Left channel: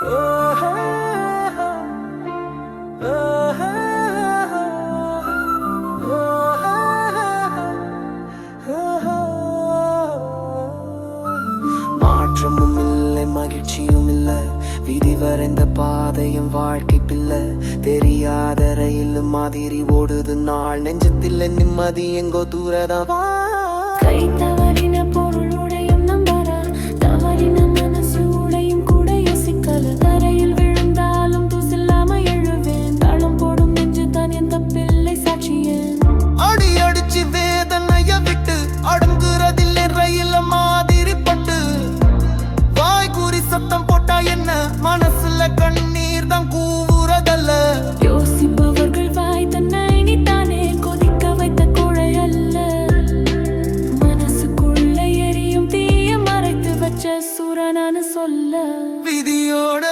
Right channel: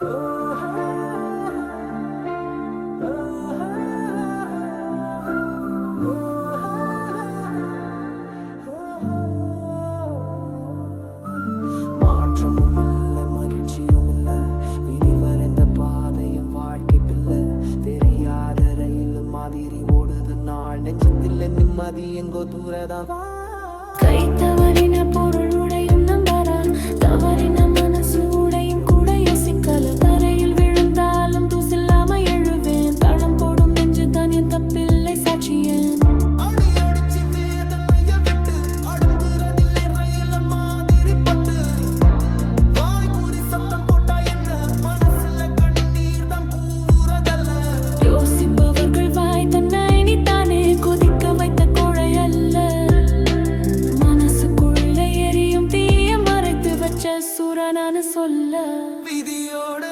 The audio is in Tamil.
மாற்றமும் இல்லை, மகிழ்ச்சியும் இல்லை, விதி வரைந்த பாதையும் வாழ்க்கை பிள்ளை. தெரியாத ரயில் மாதிரி ஓடுது நாள், நெஞ்சத்தில் நிம்மதி எங்கோ தூரதான். கை தவறின பொருள் உடையும் நம்பரா, தவறின மனசு உடையும் கூட யோசிக்கல. தரையில் விழுந்தாலும் தூசில்லாம எழுவேன், தளம் போடும் நெஞ்சுதான் என் தப்பில்லை சாட்சியேன். அடி அடிச்சு வேதனைய விட்டு அடங்குறதில்லை ரயில மாதிரி பட்டு. வாய் கூறி சத்தம் போட்டா என்ன, மனசுல கண்ணீர் தான் கூவுறதல்ல. யோசிப்பவர்கள் வாய் தன்னை நீத்தானே கொதிக்க வைத்த கோழை அல்ல. மனசுக்குள்ள எரியும் தீய மறைத்து வச்ச சூரனானு சொல்ல. விதியோட